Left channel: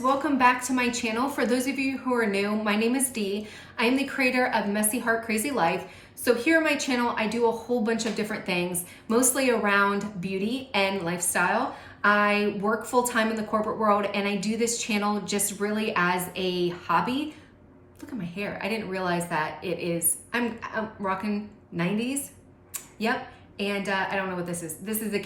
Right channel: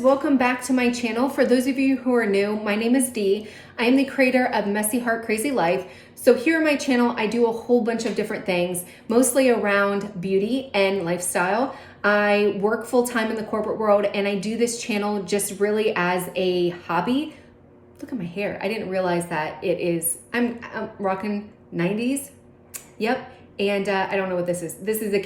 welcome back to my channel. For those of you who are new, my name is Dee. I am the creator of Messy Heart Crazy Life. So here on my channel, I do a whole bunch of different things, mostly around beauty and lifestyle. I work full-time in the corporate world and I do this channel just really as a hobby. Look at my hair. I didn't realize that I'm rocking 90s. Yep. And I don't know what this is. This is a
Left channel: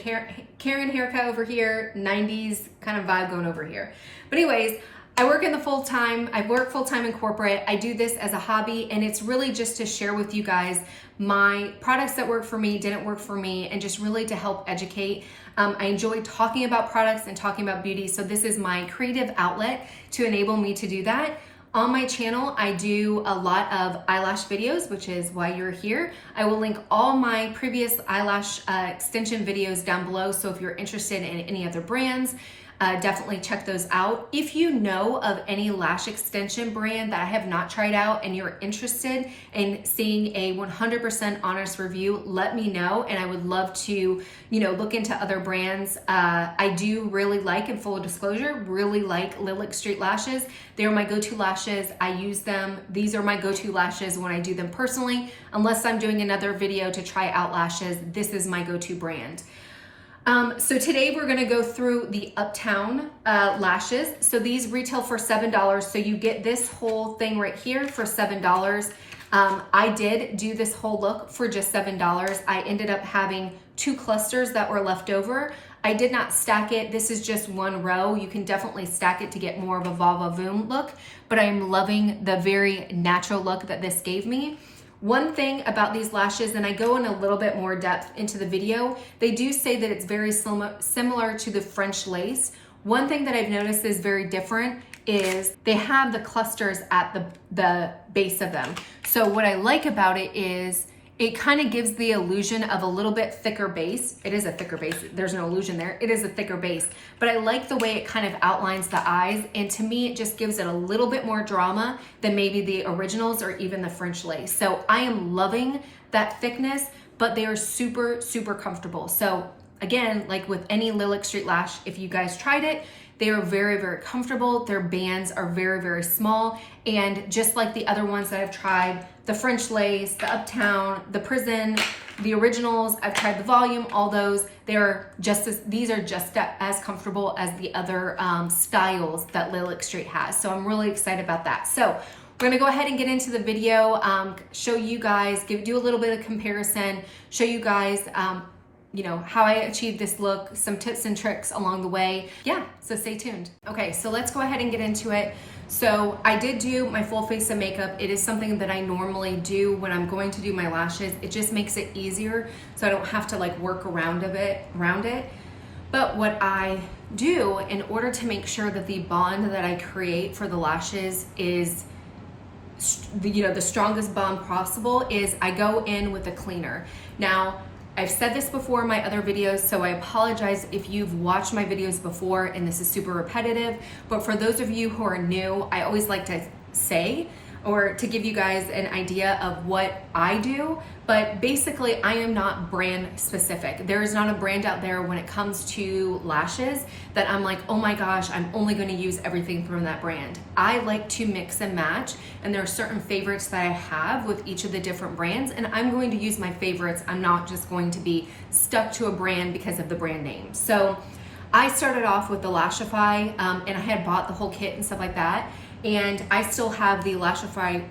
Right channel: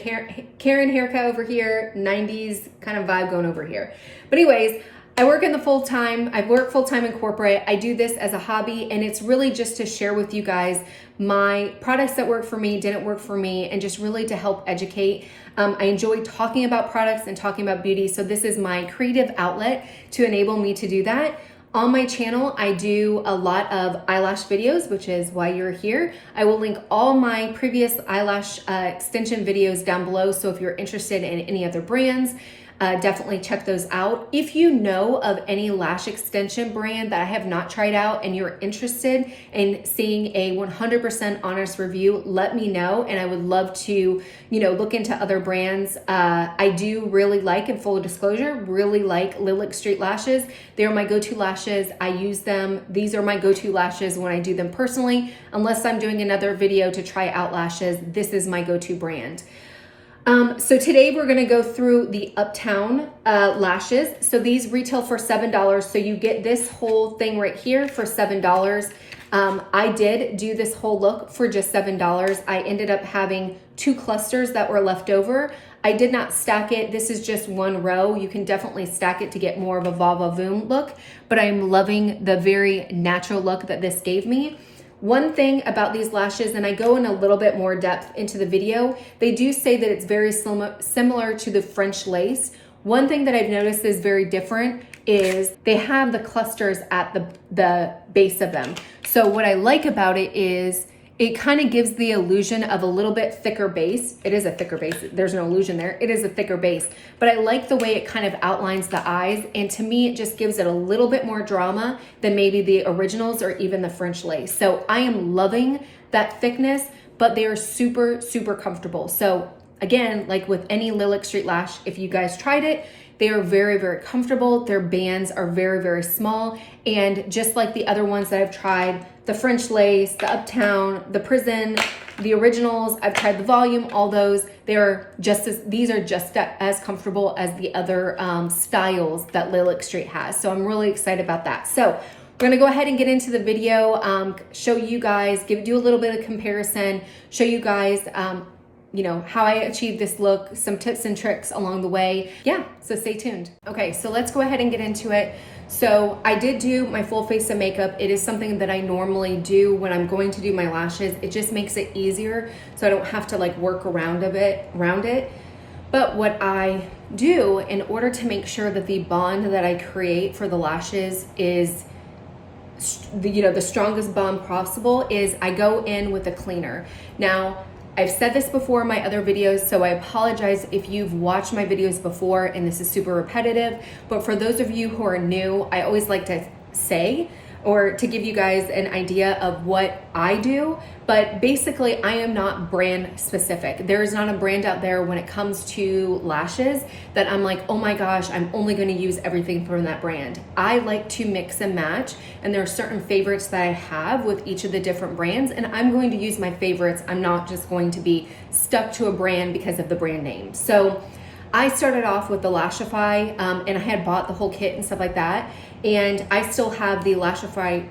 Karen haircut over here, 90s kind of vibe going over here. But anyways, I work full-time in corporate. I do this as a hobby, and it's really just to share with you guys my products that work for me, didn't work for me, and just really to help educate. I enjoy talking about products and talking about beauty, so this is my creative outlet to enable me to do that. On my channel, I do a lot of eyelash videos, which is why you're here. I will link all my previous eyelash extension videos down below, so if you're interested in any other brands, definitely check those out. If you know of any lash extension brand that I have not tried out and you're interested in seeing a 100% honest review, let me know, and I would love to, look into other brands. I do really like, in full disclosure, really like Lilac St lashes. They're my go-to lashes. I use them. These are my go-to lashes when I do them personally. Unless I'm doing another video to try out lashes, this is my go-to brand. So today we're gonna go through the Uptown lashes. So these retail for $7. So you get this whole thing right here for $7. I did do this whole look for just $7. I ended up having 2 clusters that were left over. I did not stack it. This is just one row. You can definitely stack it to get more of a va-va-voom look, but I'm loving the very natural look that this gave me. One thing about these lashes, and I go in a little bit more depth into the video, they do say that it's very similar to the French lace. One thing that I've noticed is very different is they have the clusters at the base of them. So what I like about it is it kind of gives the illusion of a little bit thicker base. It is a thicker base. There's no illusion there. It is a thicker base, but I like the way it kind of outlines the eyes. And to me, it just gives it a little bit more drama than maybe the originals or even the French lace. So I am loving that thickness, but they are super, super comfortable. So again, like with any Lilac St lash, if you guys tried it, they are very, very comfortable. Their bands are very, very small. And just like the other ones that I've tried, the French lace, the Uptown, the Prison, the originals, I've tried the volume, all those, these are just as comfortable as the other styles that Lilac St has. So I'm really excited about that. So we're gonna go ahead and get into the video, show you guys, do a little bit of comparison, show you guys, how I achieved this look, some tips and tricks along the way. Yeah, so stay tuned. Okay, so let's go ahead and get into it. So I did do my full face of makeup. It is something that I normally do when I'm going to do my lashes. It just makes it easier so I don't have to like work around it. But what I do in order to make sure that the bond that I create for the lashes is the strongest bond possible is I go in with a cleaner. Now, I've said this before in my other videos, so I apologize if you've watched my videos before and this is super repetitive, but for those of you who are new, I always like to say or to give you guys an idea of what I do, but basically I am not brand specific. There is not a brand out there when it comes to lashes that I'm like, oh my gosh, I'm only gonna use everything from that brand. I like to mix and match, and there are certain favorites that I have with each of the different brands, and I'm going to use my favorites. I'm not just going to be stuck to a brand because of the brand name. So I started off with the Lashify, and I had bought the whole kit and stuff like that, and I still have the Lashify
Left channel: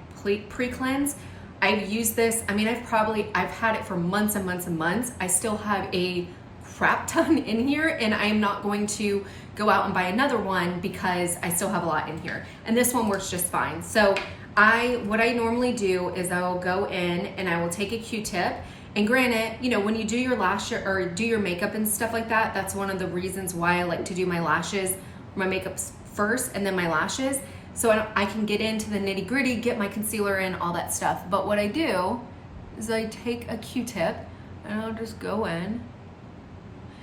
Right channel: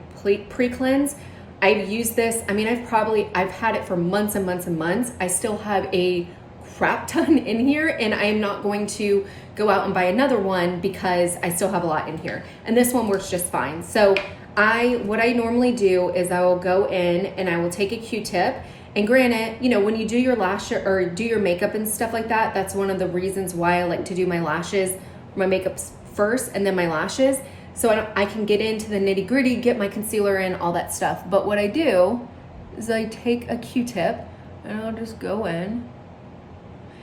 pre-cleanse. I've used this, I've had it for months and months and months. I still have a crap ton in here, and I am not going to go out and buy another one because I still have a lot in here. And this one works just fine. So what I normally do is I will go in and I will take a Q-tip. And granted, when you do your lash or do your makeup and stuff like that, that's one of the reasons why I like to do my lashes, my makeup first and then my lashes. So I can get into the nitty gritty, get my concealer in, all that stuff. But what I do is I take a Q-tip and I'll just go in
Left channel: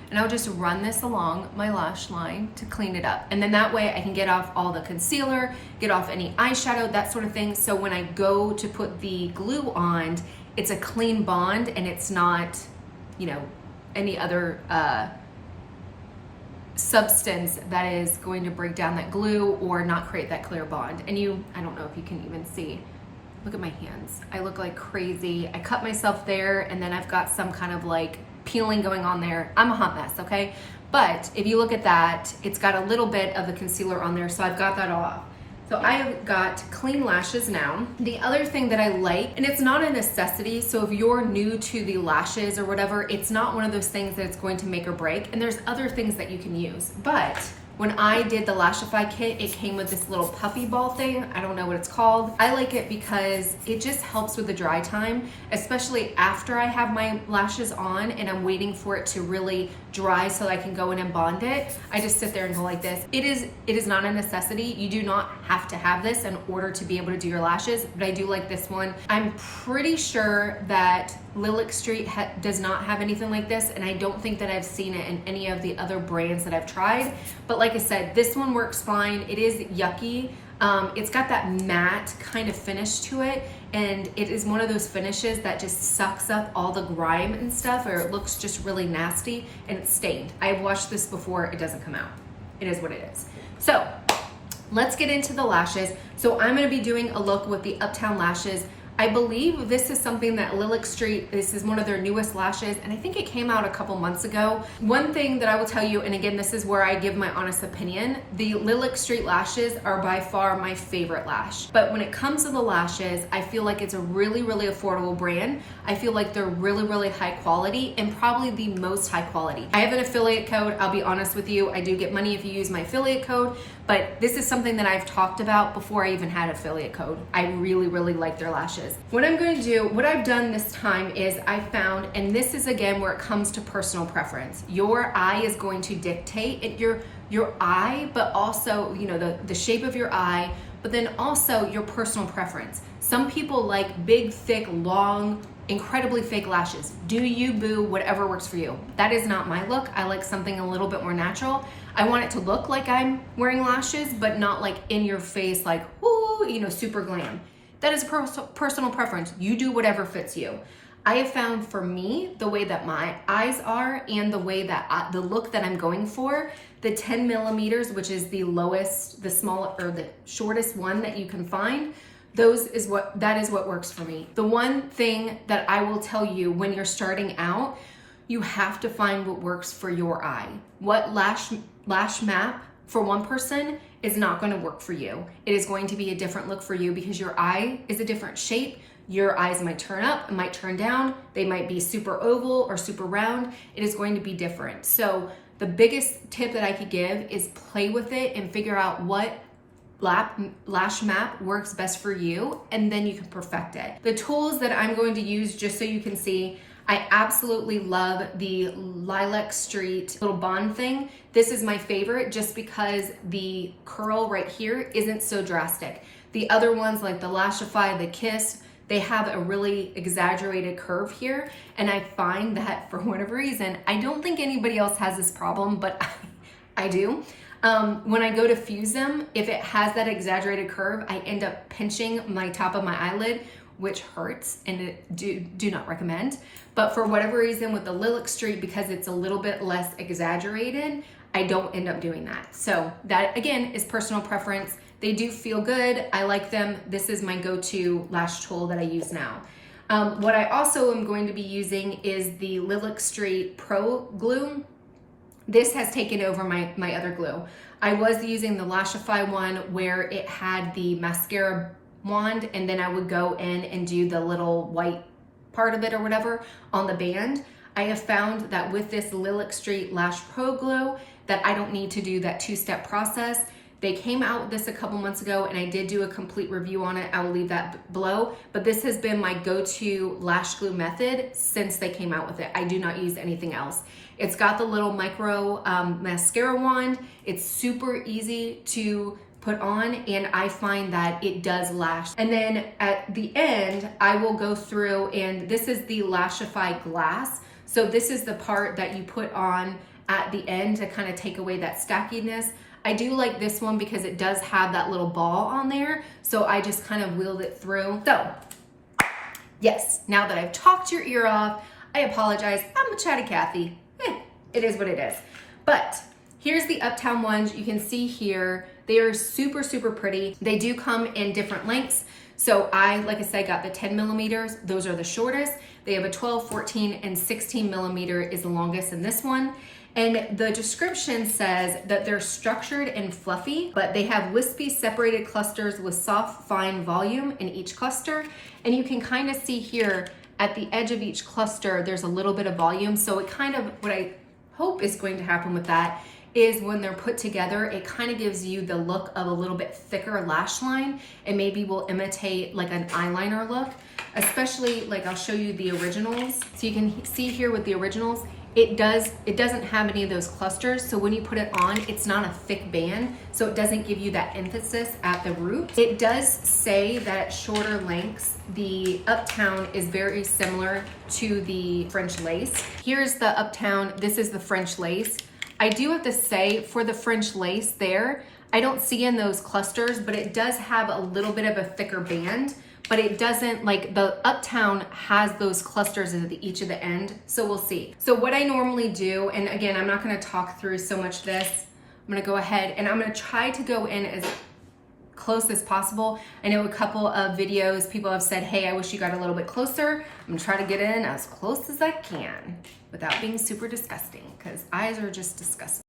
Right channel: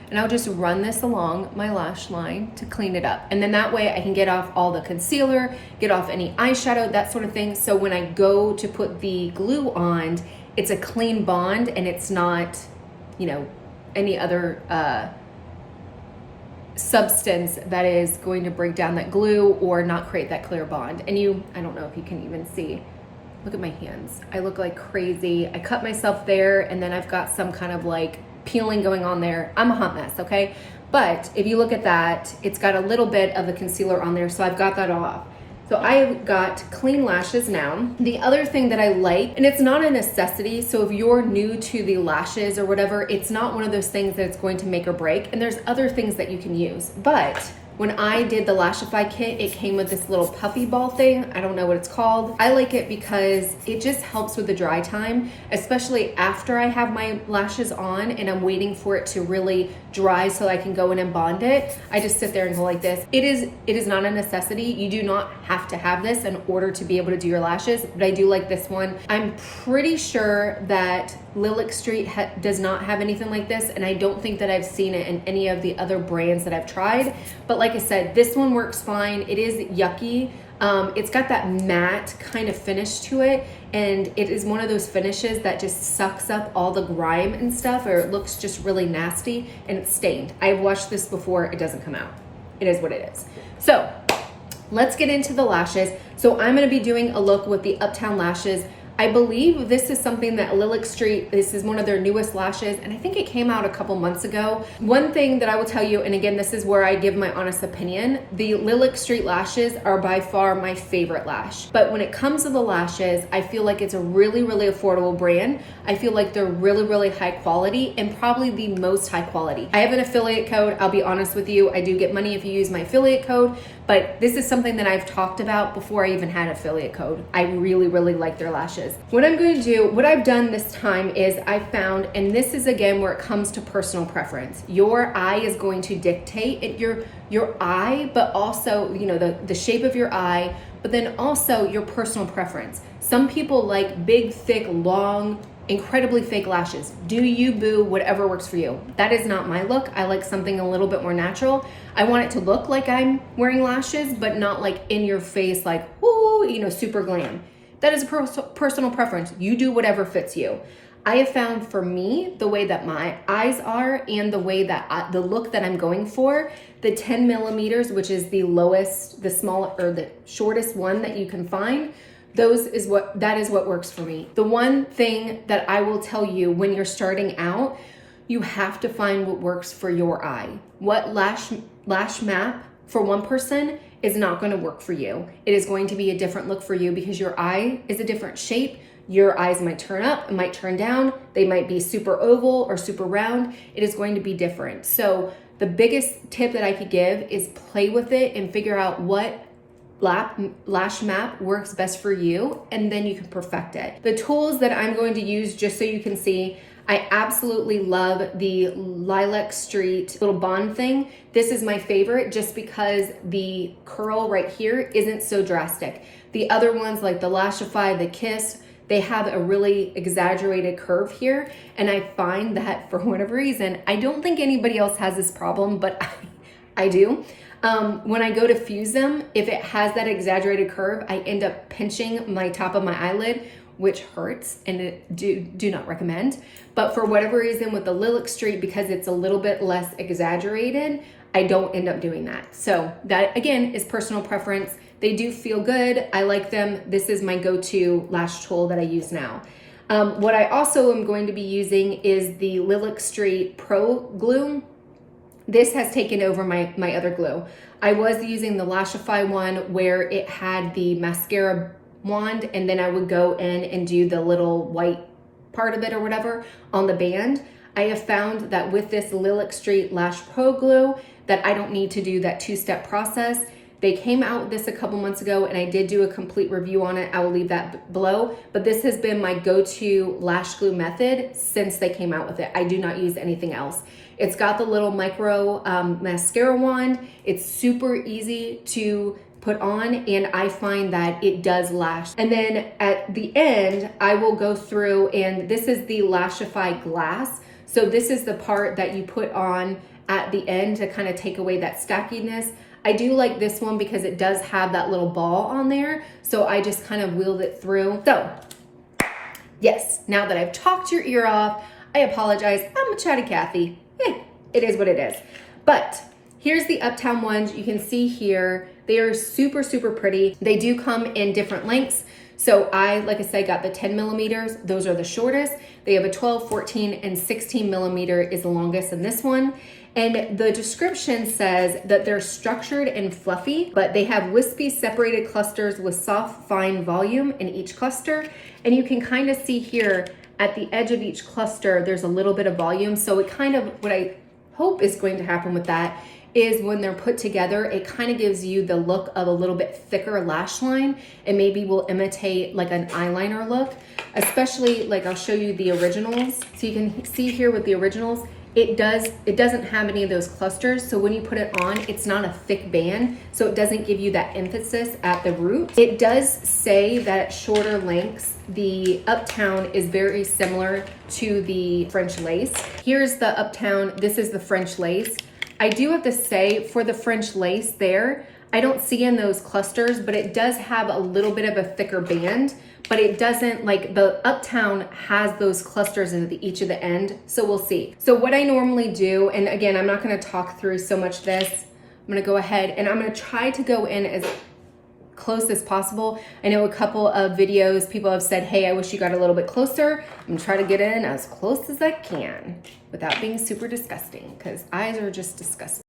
and I'll just run this along my lash line to clean it up. And then that way I can get off all the concealer, get off any eyeshadow, that sort of thing. So when I go to put the glue on, it's a clean bond and it's not, any other substance that is going to break down that glue or not create that clear bond. And I don't know if you can even see, look at my hands. I look like crazy. I cut myself there, and then I've got some kind of like peeling going on there. I'm a hot mess, okay? But if you look at that, it's got a little bit of the concealer on there, so I've got that off. So I've got clean lashes now. The other thing that I like, and it's not a necessity, so if you're new to the lashes or whatever, it's not one of those things that it's going to make or break, and there's other things that you can use. But when I did the Lashify kit, it came with this little puffy ball thing. I don't know what it's called. I like it because it just helps with the dry time, especially after I have my lashes on and I'm waiting for it to really dry so I can go in and bond it. I just sit there and go like this. It is not a necessity. You do not have to have this in order to be able to do your lashes, but I do like this one. I'm pretty sure that Lilac St does not have anything like this, and I don't think that I've seen it in any of the other brands that I've tried. But like I said, this one works fine. It is yucky. It's got that matte kind of finish to it, and it is one of those finishes that just sucks up all the grime and stuff, or it looks just really nasty, and it's stained. I've washed this before. It doesn't come out. It is what it is. So let's get into the lashes. So I'm going to be doing a look with the Uptown lashes. I believe this is something that Lilac St, this is one of their newest lashes, and I think it came out a couple months ago. One thing that I will tell you, and again, this is where I give my honest opinion, the Lilac St lashes are by far my favorite lash. But when it comes to the lashes, I feel like it's a really, really affordable brand. I feel like they're really, really high quality, and probably the most high quality. I have an affiliate code. I'll be honest with you. I do get money if you use my affiliate code, but this is something that I've talked about before I even had affiliate code. I really, really like their lashes. What I'm going to do, what I've done this time is I found, and this is again where it comes to personal preference. Your eye is going to dictate it, your eye, but also, you know, the shape of your eye, but then also your personal preference. Some people like big, thick, long, incredibly fake lashes. Do you, boo, whatever works for you. That is not my look. I like something a little bit more natural. I want it to look like I'm wearing lashes, but not like in your face, like, whoo, you know, super glam. That is a personal preference. You do whatever fits you. I have found for me, the way that my eyes are and the way that the look that I'm going for, the 10 millimeters, which is the lowest, the small, or the shortest one that you can find, that is what works for me. The one thing that I will tell you when you're starting out, you have to find what works for your eye. What lash map for one person is not going to work for you. It is going to be a different look for you because your eye is a different shape. Your eyes might turn up, it might turn down. They might be super oval or super round. It is going to be different. So the biggest tip that I could give is play with it and figure out what lash map works best for you, and then you can perfect it. The tools that I'm going to use, just so you can see, I absolutely love the Lilac St little bond thing. This is my favorite just because the curl right here isn't so drastic. The other ones like the Lashify, the Kiss, they have a really exaggerated curve here, and I find that for whatever reason, I don't think anybody else has this problem, but I do. When I go to fuse them, if it has that exaggerated curve, I end up pinching my top of my eyelid, which hurts, and do not recommend. But for whatever reason with the Lilac St, because it's a little bit less exaggerated, I don't end up doing that. So that again is personal preference. They do feel good. I like them. This is my go-to lash tool that I use now. What I also am going to be using is the Lilac St Pro Glue. This has taken over my other glue. I was using the Lashify one where it had the mascara wand, and then I would go in and do the little white part of it or whatever on the band. I have found that with this Lilac St Lash Pro Glue that I don't need to do that two-step process. They came out with this a couple months ago, and I did do a complete review on it. I will leave that below, but this has been my go-to lash glue method since they came out with it. I do not use anything else. It's got the little micro mascara wand. It's super easy to put on, and I find that it does lash. And then at the end, I will go through, and this is the Lashify glass. So this is the part that you put on at the end to kind of take away that stackiness. I do like this one because it does have that little ball on there. So I just kind of wheeled it through. So yes, now that I've talked your ear off, I apologize. I'm a chatty Cathy. It is what it is. But Here's the Uptown ones. You can see here, they are super, super pretty. They do come in different lengths. So like I said, got the 10 millimeters. Those are the shortest. They have a 12, 14, and 16 millimeter is the longest in this one. And the description says that they're structured and fluffy, but they have wispy separated clusters with soft, fine volume in each cluster. And you can kind of see here at the edge of each cluster, there's a little bit of volume. So it kind of, what I hope is going to happen with that is when they're put together, it kind of gives you the look of a little bit thicker lash line, and maybe will imitate like an eyeliner look, especially like I'll show you the originals. So you can see here with the originals, it doesn't have any of those clusters. So when you put it on, it's not a thick band. So it doesn't give you that emphasis at the root. It does say that at shorter lengths, the Uptown is very similar to the French lace. Here's the Uptown, this is the French lace. I do have to say for the French lace there, I don't see in those clusters, but it does have a little bit of a thicker band, but it doesn't, like the Uptown has those clusters at each of the end. So we'll see. So what I normally do, and again, I'm not gonna talk through so much of this. I'm gonna go ahead and I'm gonna try to go in as close as possible. I know a couple of videos, people have said, hey, I wish you got a little bit closer. I'm gonna try to get in as close as I can without being super disgusting, because eyes are just disgusting.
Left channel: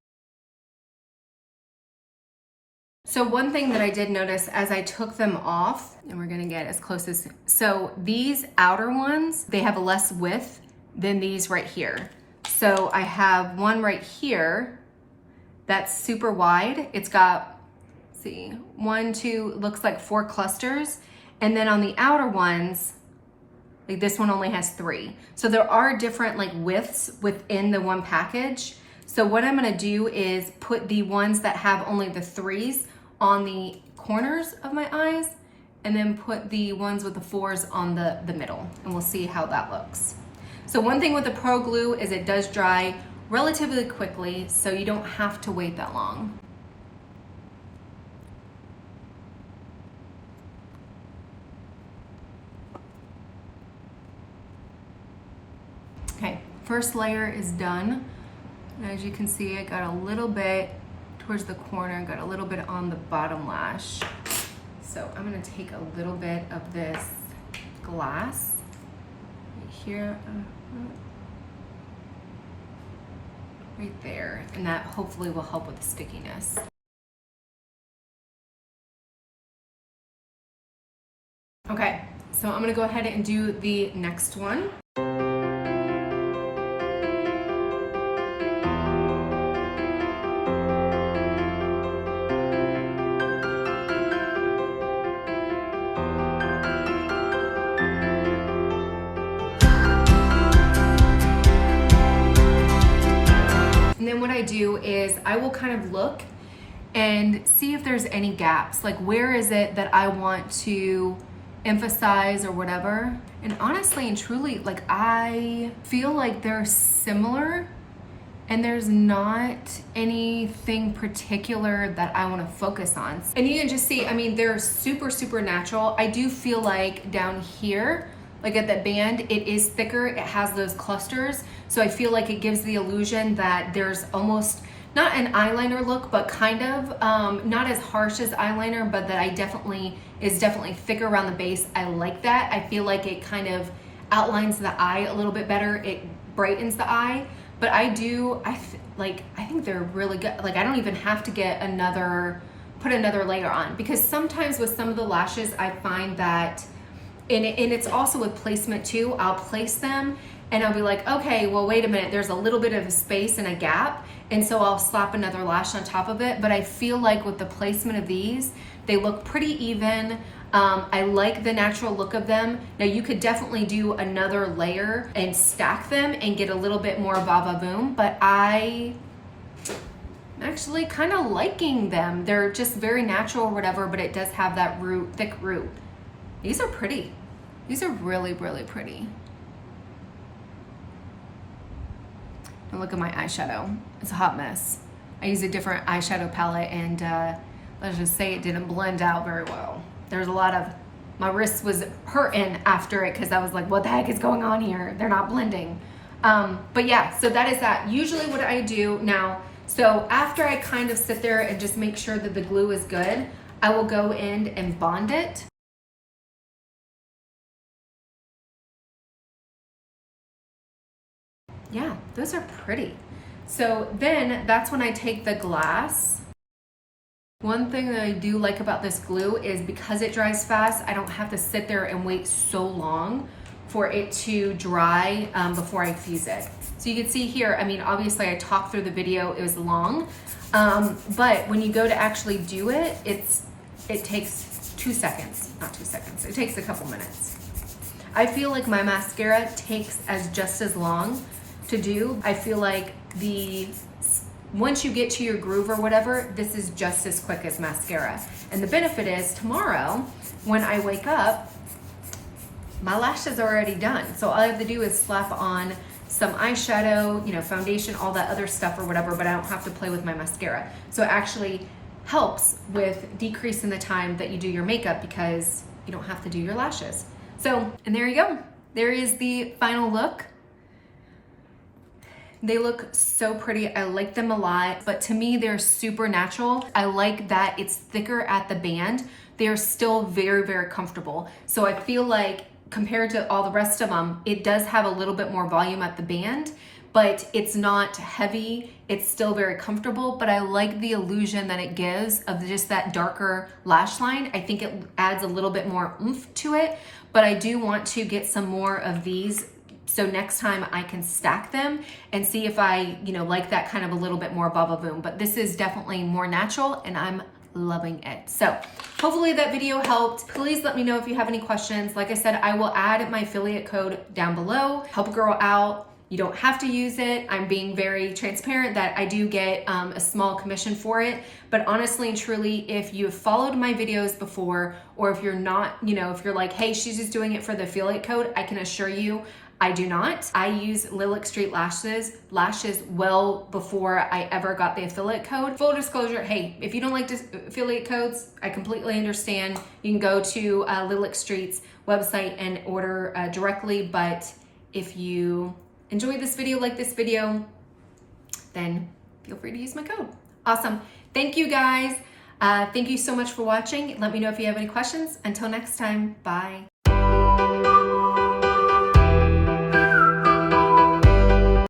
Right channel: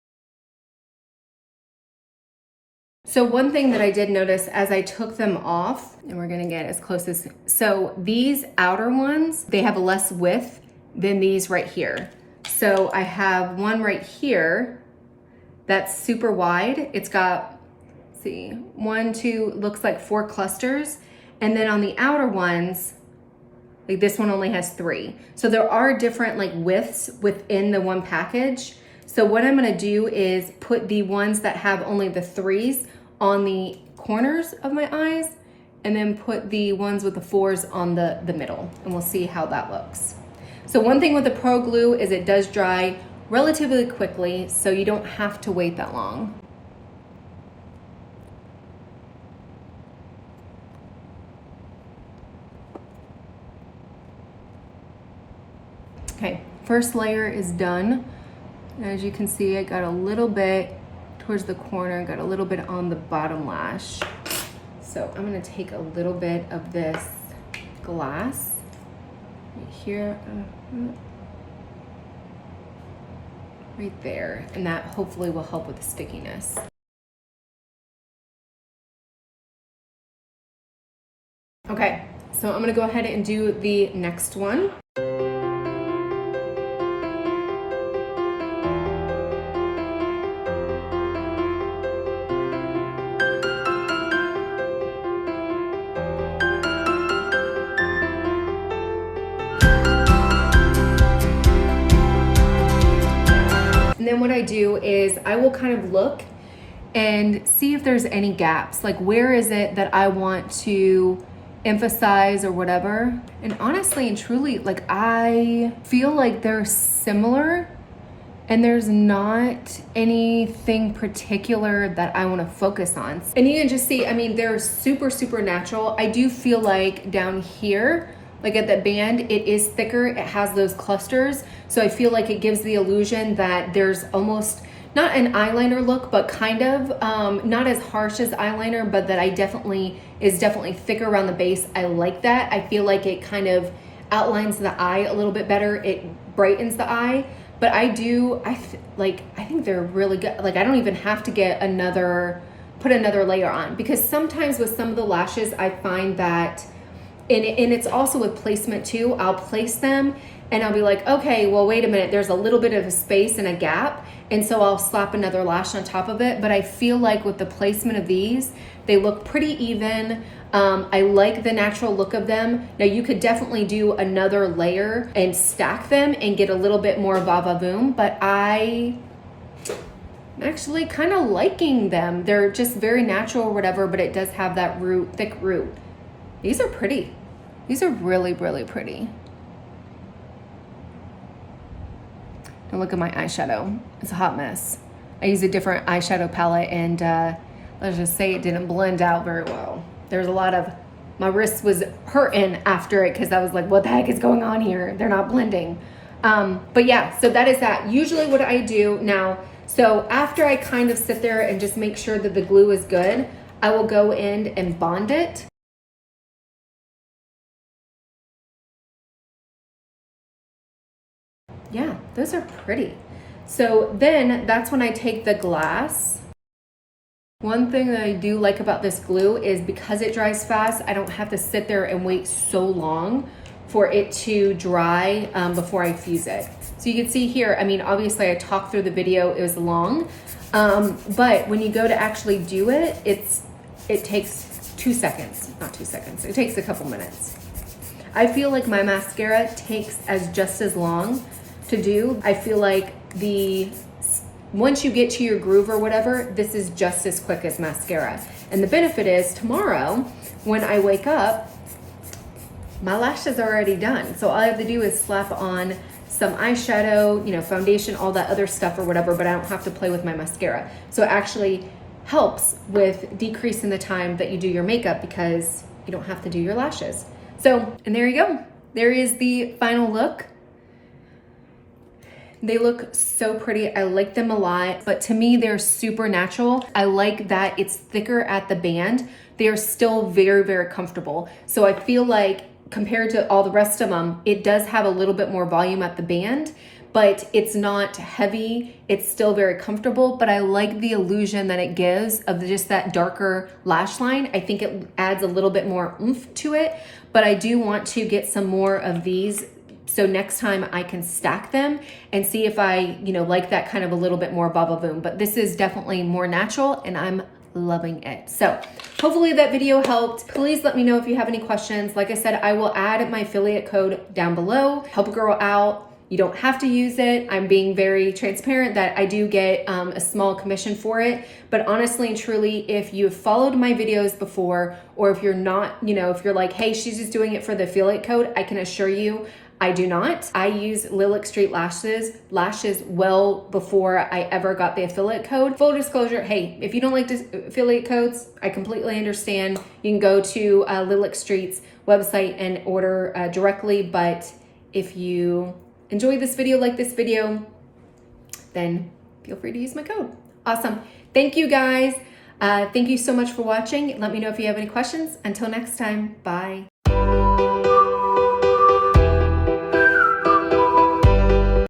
So one thing that I did notice as I took them off, and we're gonna get as close as, so these outer ones, they have a less width than these right here. So I have one right here that's super wide. It's got, let's see, 1, 2, looks like 4 clusters. And then on the outer ones, like this one only has 3. So there are different like widths within the one package. So what I'm gonna do is put the ones that have only the 3s on the corners of my eyes, and then put the ones with the 4s on the middle, and we'll see how that looks. So one thing with the Pro Glue is it does dry relatively quickly, so you don't have to wait that long. Okay, first layer is done. As you can see, I got a little bit towards the corner, got a little bit on the bottom lash. So I'm gonna take a little bit of this glass right here, right there, and that hopefully will help with the stickiness. Okay, so I'm gonna go ahead and do the next one. And then what I do is I will kind of look and see if there's any gaps. Like, where is it that I want to emphasize or whatever. And honestly and truly, like, I feel like they're similar and there's not anything particular that I want to focus on. And you can just see, I mean, they're super, super natural. I do feel like down here, like at the band, it is thicker. It has those clusters. So I feel like it gives the illusion that there's almost not an eyeliner look, but kind of not as harsh as eyeliner, but that is definitely thicker around the base. I like that. I feel like it kind of outlines the eye a little bit better. It brightens the eye. But I think they're really good. Like, I don't even have to get put another layer on, because sometimes with some of the lashes, I find that, and it's also with placement too, I'll place them and I'll be like, okay, well, wait a minute, there's a little bit of a space and a gap. And so I'll slap another lash on top of it. But I feel like with the placement of these, they look pretty even. I like the natural look of them. Now you could definitely do another layer and stack them and get a little bit more va-va-voom, but I'm actually kind of liking them. They're just very natural or whatever, but it does have that thick root. These are pretty. These are really, really pretty. Now look at my eyeshadow. It's a hot mess. I used a different eyeshadow palette and let's just say it didn't blend out very well. There's a lot of, my wrist was hurting after it because I was like, what the heck is going on here? They're not blending. But yeah, so that is that. Usually what I do now, So after I kind of sit there and just make sure that the glue is good, I will go in and bond it. Yeah, those are pretty. So then that's when I take the glass. One thing that I do like about this glue is because it dries fast, I don't have to sit there and wait so long for it to dry before I fuse it. So you can see here, I mean, obviously I talked through the video, it was long, but when you go to actually do it, it takes 2 seconds, not 2 seconds, it takes a couple minutes. I feel like my mascara takes just as long to do. I feel like once you get to your groove or whatever, this is just as quick as mascara. And the benefit is tomorrow, when I wake up, my lashes are already done. So all I have to do is slap on some eyeshadow, you know, foundation, all that other stuff or whatever, but I don't have to play with my mascara. So it actually helps with decreasing the time that you do your makeup because you don't have to do your lashes. So, and there you go. There is the final look. They look so pretty. I like them a lot, but to me, they're super natural. I like that it's thicker at the band. They are still very, very comfortable. So I feel like compared to all the rest of them, it does have a little bit more volume at the band, but it's not heavy. It's still very comfortable, but I like the illusion that it gives of just that darker lash line. I think it adds a little bit more oomph to it, but I do want to get some more of these so next time I can stack them and see if I, you know, like that kind of a little bit more bubble boom. But this is definitely more natural and I'm loving it. So hopefully that video helped. Please let me know if you have any questions. Like I said, I will add my affiliate code down below. Help a girl out. You don't have to use it. I'm being very transparent that I do get a small commission for it. But honestly and truly, if you've followed my videos before, or if you're not, you know, if you're like, hey, she's just doing it for the affiliate code, I can assure you, I do not. I use Lilac St lashes well before I ever got the affiliate code. Full disclosure, hey, if you don't like affiliate codes, I completely understand. You can go to Lilac St's website and order directly, but if you enjoy this video, like this video, then feel free to use my code. Awesome. Thank you guys. Thank you so much for watching. Let me know if you have any questions. Until next time, bye.